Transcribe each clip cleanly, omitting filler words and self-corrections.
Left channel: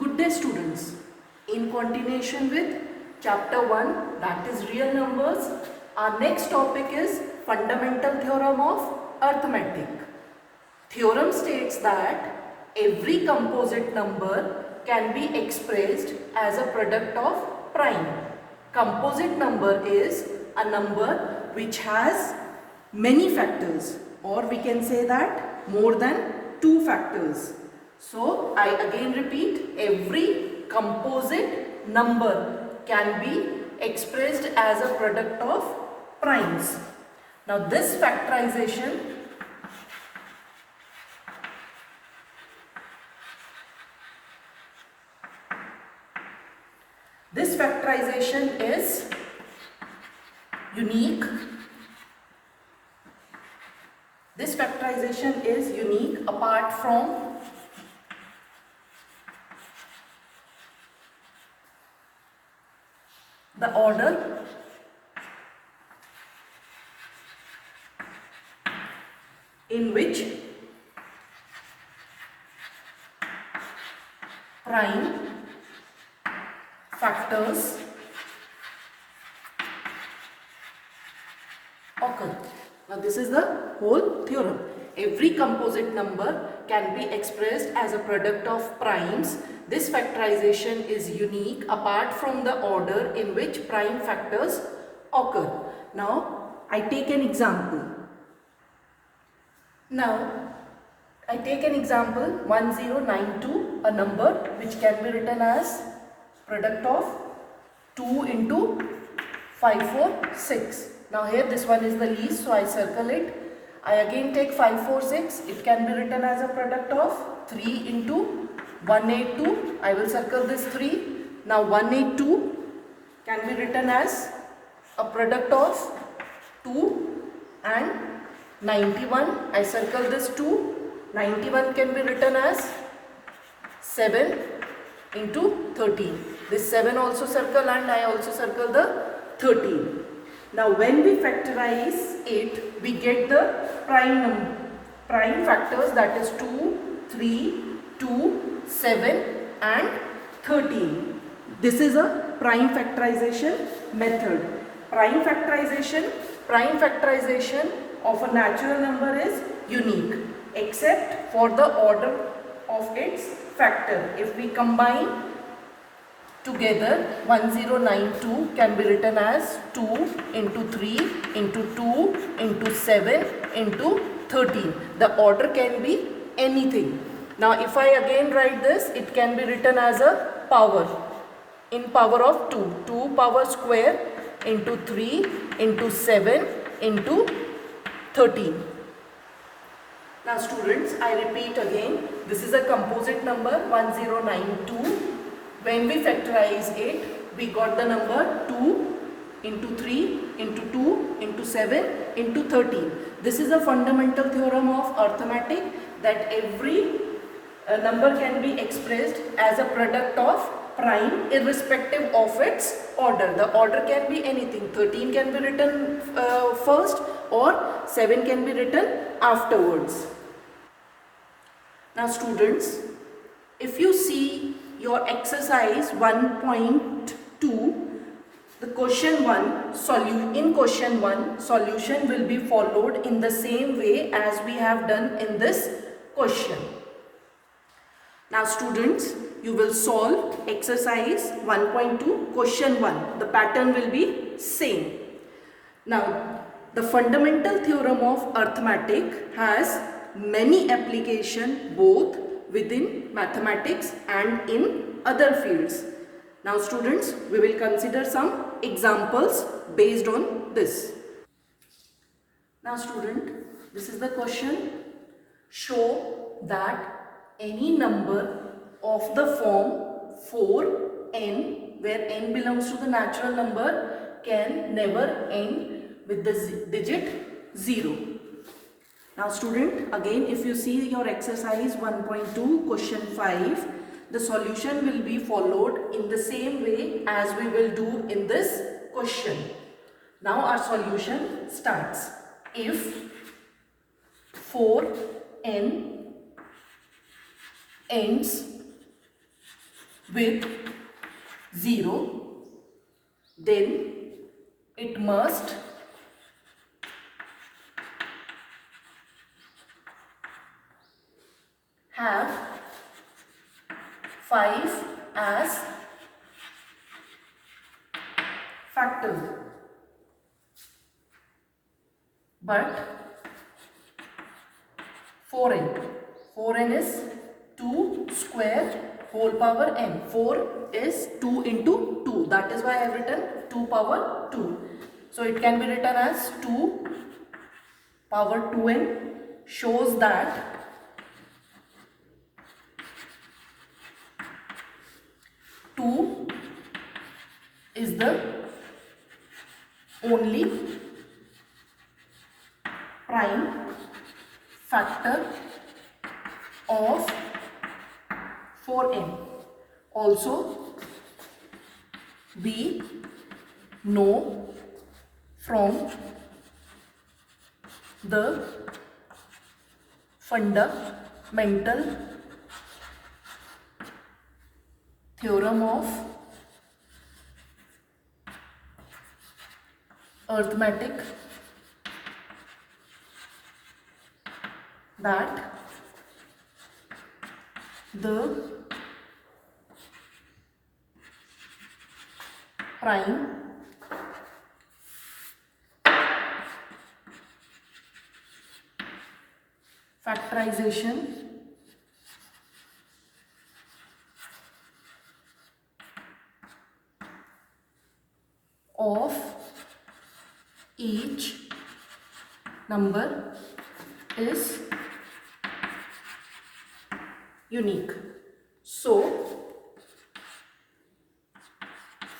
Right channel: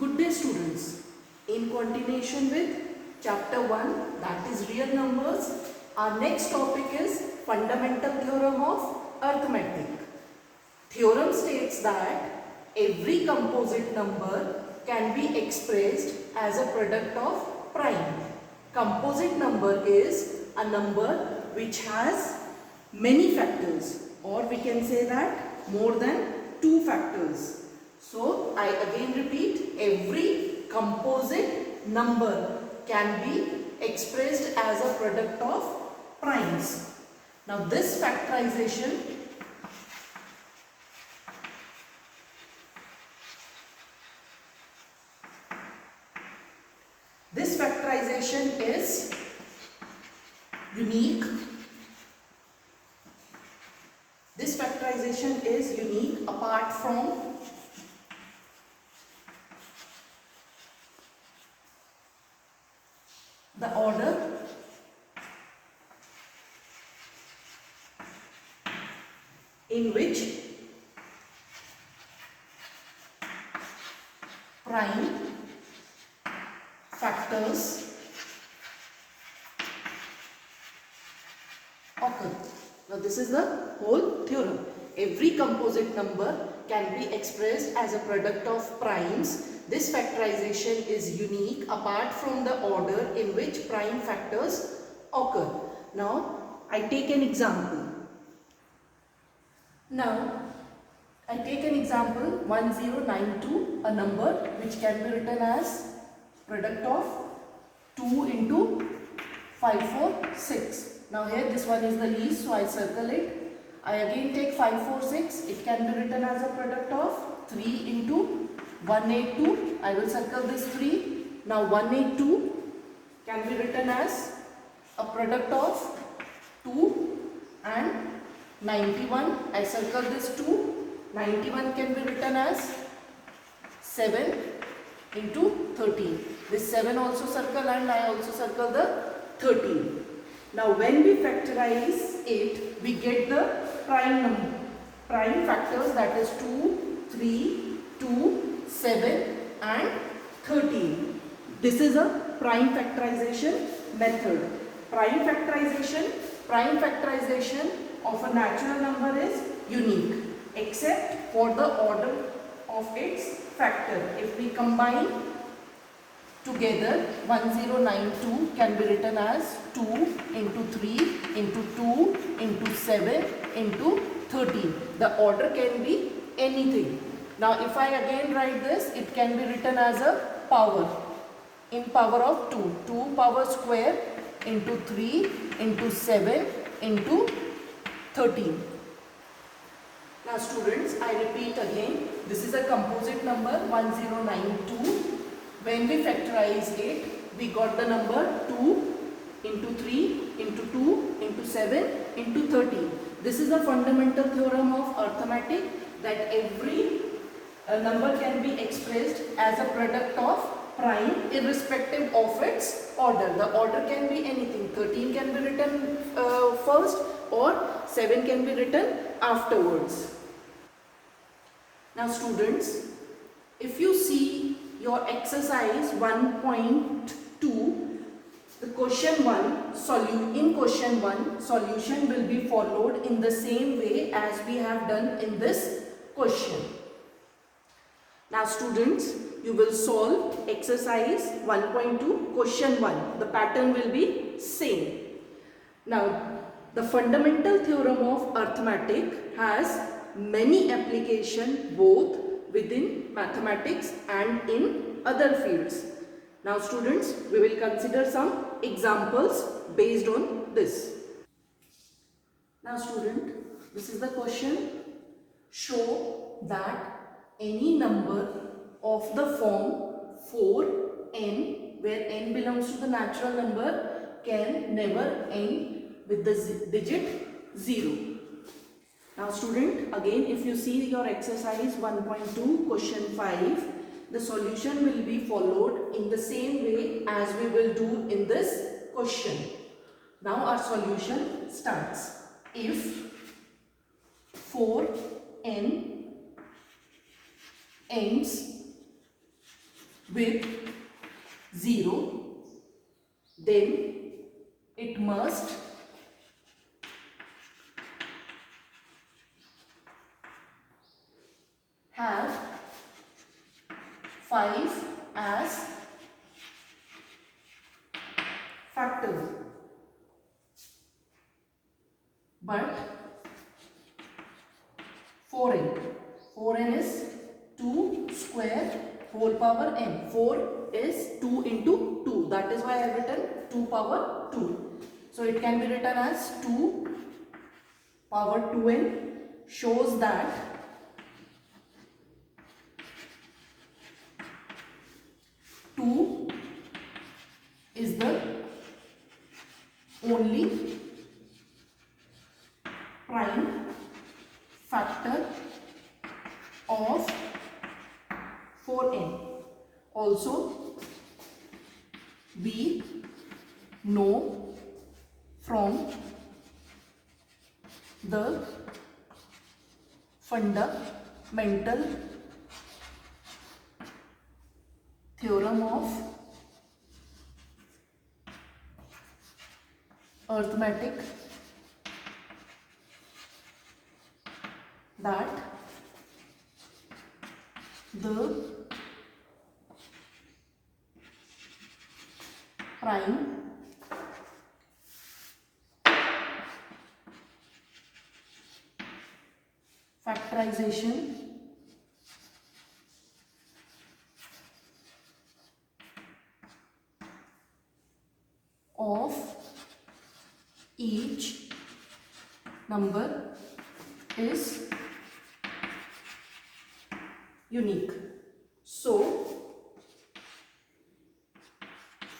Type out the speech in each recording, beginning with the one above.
Good day students. In continuation with chapter 1, that is real numbers, our next topic is fundamental theorem of arithmetic. Theorem states that every composite number can be expressed as a product of prime. Composite number is a number which has many factors, or we can say that more than 2 factors. So I again repeat, every composite number can be expressed as a product of primes. Now this factorization is unique. This factorization is unique apart from the order in which prime factors occur. Now this is the whole theorem. Every composite number can be expressed as a product of primes. This factorization is unique apart from the order in which prime factors occur. Now I take an example. Now I take an example 1092, a number which can be written as product of 2 into 546. Now here this one is the least, so I circle it. I again take 546, it can be written as a product of 3 into 182. I will circle this 3. Now 182 can be written as a product of 2 and 91. I circle this 2. 91 can be written as 7 into 13. This 7 also circle and I also circle the 13. Now when we factorize it, we get the prime factors, that is 2, 3, 2, 7 and 13. This is a prime factorization method. Prime factorization of a natural number is unique except for the order of its factor. If we combine together, 1092 can be written as 2 into 3 into 2 into 7 into 13. The order can be anything. Now if I again write this, it can be written as a power, in power of 2. 2 power square into 3 into 7 into 13. Now students, I repeat again, this is a composite number 1092. When we factorize it, we got the number 2 into 3 into 2 into 7 into 13. This is a fundamental theorem of arithmetic, that every number can be expressed as a product of prime irrespective of its order. The order can be anything. 13 can be written first or 7 can be written afterwards. Now students, if you see your exercise 1.2, the question 1 solution will be followed in the same way as we have done in this question. Now students, you will solve exercise 1.2 question 1. The pattern will be same. Now the fundamental theorem of arithmetic has many applications both within mathematics and in other fields. Now students, we will consider some examples based on this. Now student, this is the question. Show that any number of the form 4n, where n belongs to the natural number, can never end with the digit 0. Now student, again if you see your exercise 1.2 question 5, the solution will be followed in the same way as we will do in this question. Now our solution starts. If 4n ends with 0, then it must have 5 as factor. But 4n is 2 square whole power n. 4 is 2 into 2. That is why I have written 2 power 2. So it can be written as 2 power 2n, shows that two is the only prime factor of 4n. Also, we know from the fundamental theorem of arithmetic that the prime factorization of each number is unique. So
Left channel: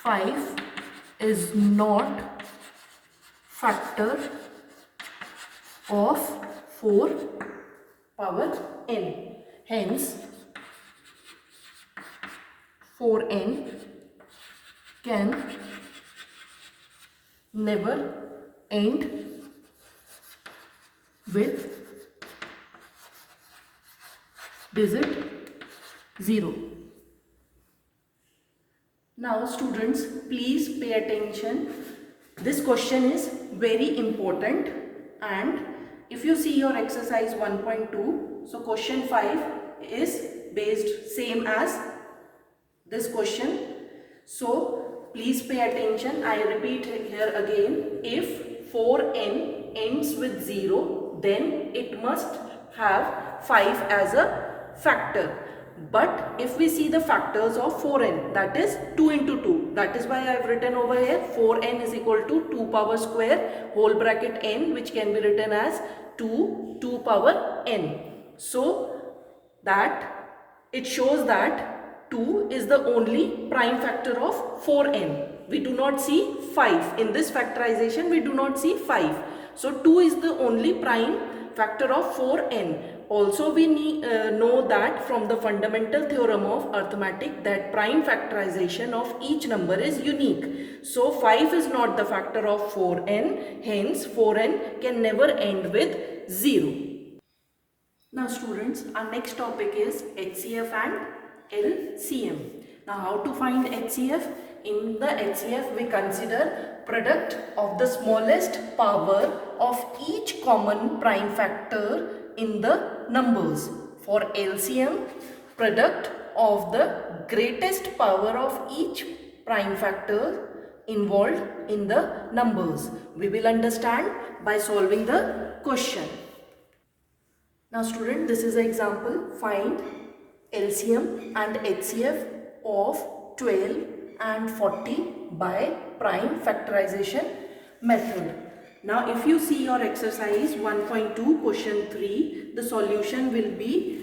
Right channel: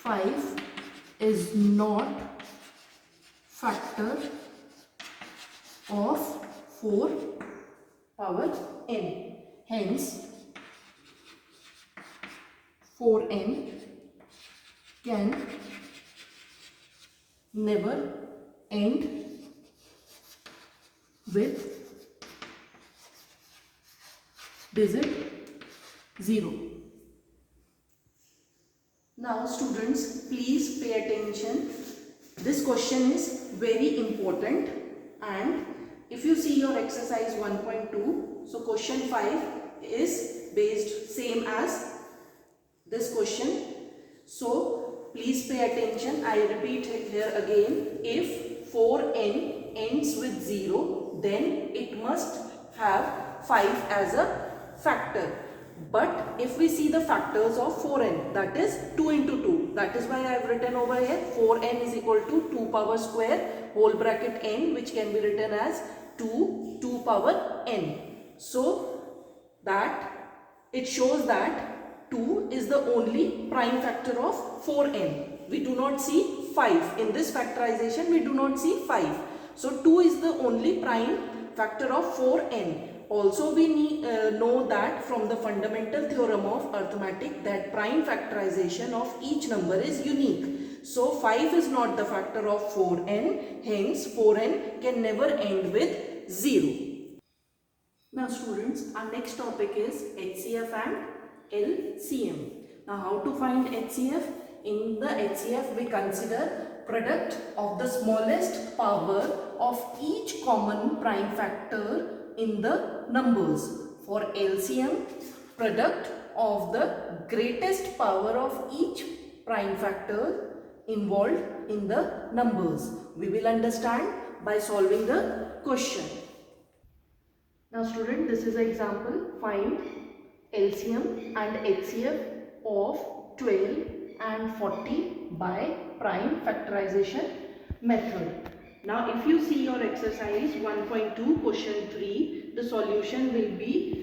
5 is not factor of 4 power n. Hence 4n can never end with digit 0. Now students, please pay attention. This question is very important, and if you see your exercise 1.2, so question 5 is based same as this question. So please pay attention. I repeat here again, if 4n ends with 0, then it must have 5 as a factor. But if we see the factors of 4n, that is 2 into 2, that is why I have written over here 4n is equal to 2 power square whole bracket n, which can be written as 2 power n. So that it shows that 2 is the only prime factor of 4n. We do not see 5. In this factorization, we do not see 5. So 2 is the only prime factor of 4n. Also, we know that from the fundamental theorem of arithmetic that prime factorization of each number is unique. So 5 is not the factor of 4n, hence 4n can never end with 0. Now students, our next topic is HCF and LCM. Now how to find HCF? In the HCF we consider product of the smallest power of each common prime factor in the numbers. For LCM, product of the greatest power of each prime factor involved in the numbers. We will understand by solving the question. Now student, this is an example. Find LCM and HCF of 12 and 40 by prime factorization method. Now if you see your exercise 1.2 question 3, the solution will be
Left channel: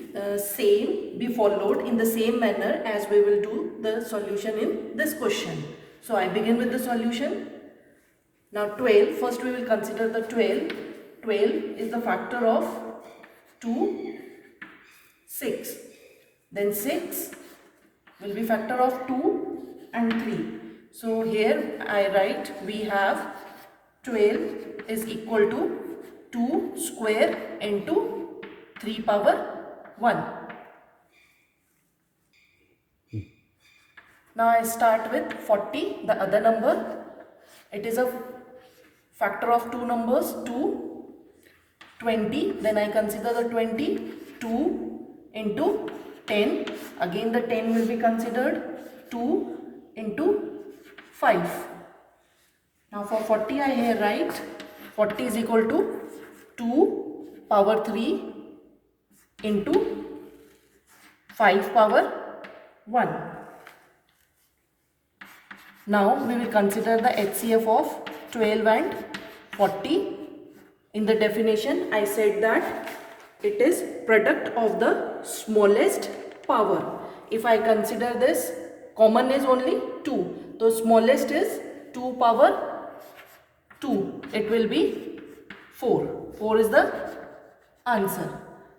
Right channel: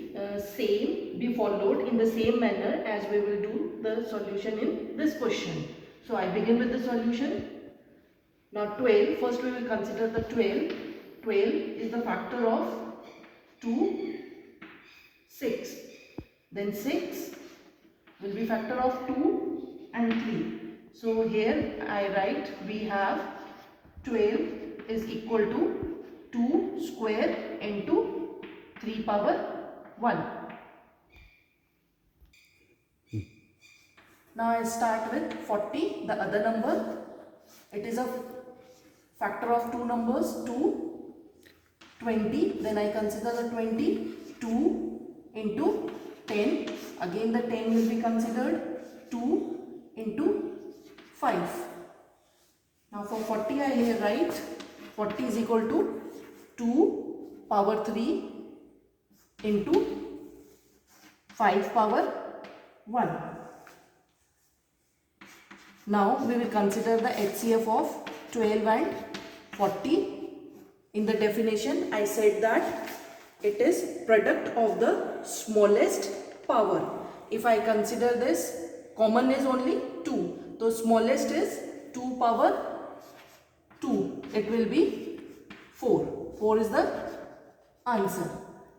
followed in the same manner as we will do the solution in this question. So I begin with the solution. Now 12, first we will consider the 12. 12 is the factor of 2, 6. Then 6 will be factor of 2 and 3. So here I write we have 12 is equal to 2 square into 3 power 1. Now I start with 40, the other number. It is a factor of two numbers, 2, 20. Then I consider the 20, 2 into 10. Again the 10 will be considered, 2 into 5. Now for 40 I here write 40 is equal to 2 power 3 into 5 power 1. Now we will consider the HCF of 12 and 40. In the definition I said that it is product of the smallest power. If I consider this, common is only 2. The smallest is 2 power 2. It will be 4. 4 is the answer.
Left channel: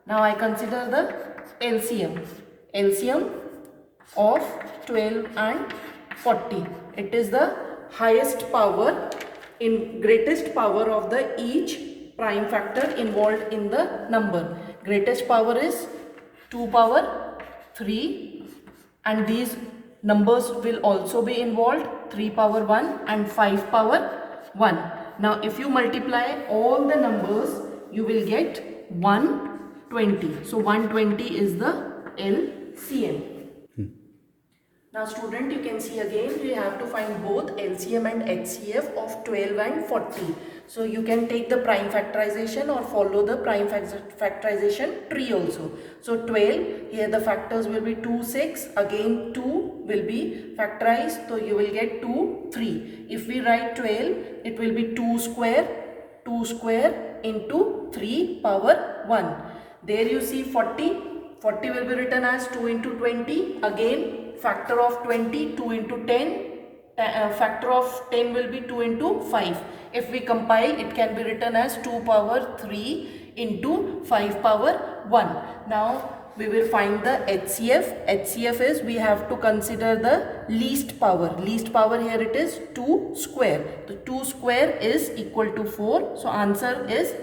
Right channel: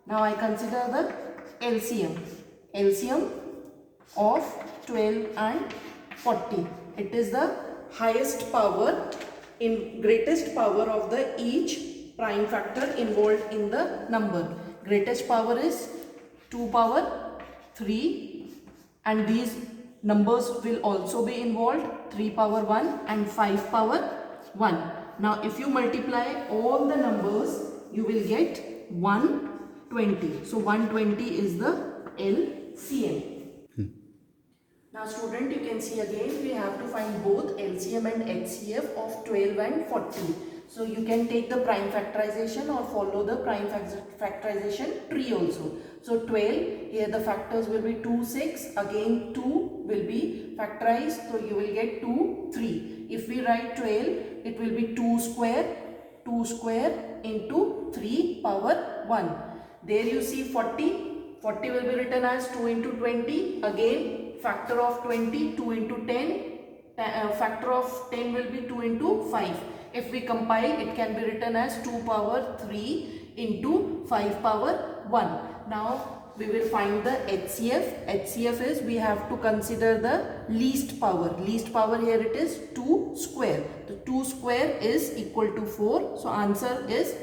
Now I consider the LCM. LCM of 12 and 40. It is the highest power in greatest power of the each prime factor involved in the number. Greatest power is 2 power 3 and these numbers will also be involved, 3 power 1 and 5 power 1. Now if you multiply all the numbers you will get 120. So 120 is the LCM. Now student, you can see again we have to find both LCM and HCF of 12 and 40. So you can take the prime factorization or follow the prime factorization tree also. So 12, here the factors will be 2, 6, again 2 will be factorized, so you will get 2, 3. If we write 12, it will be 2 square into 3 power 1. There you see 40, 40 will be written as 2 into 20, again factor of 20, 2 into 10, factor of 10 will be 2 into 5. If we compile, it can be written as 2 power 3 into 5 power 1. Now we will find the HCF. HCF is, we have to consider the least power. Least power here it is 2 square. The 2 square is equal to 4. So answer is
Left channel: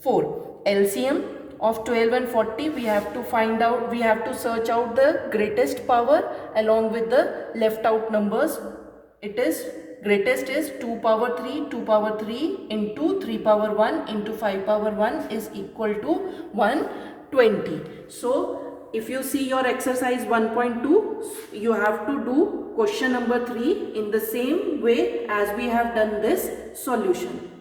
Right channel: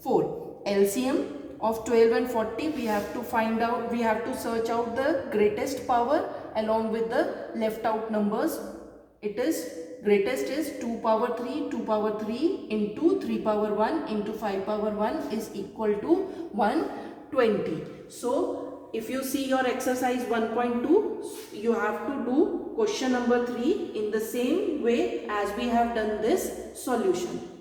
4. LCM of 12 and 40, we have to find out, we have to search out the greatest power along with the left out numbers. It is, greatest is 2 power 3, 2 power 3 into 3 power 1 into 5 power 1 is equal to 120. So if you see your exercise 1.2, you have to do question number 3 in the same way as we have done this solution.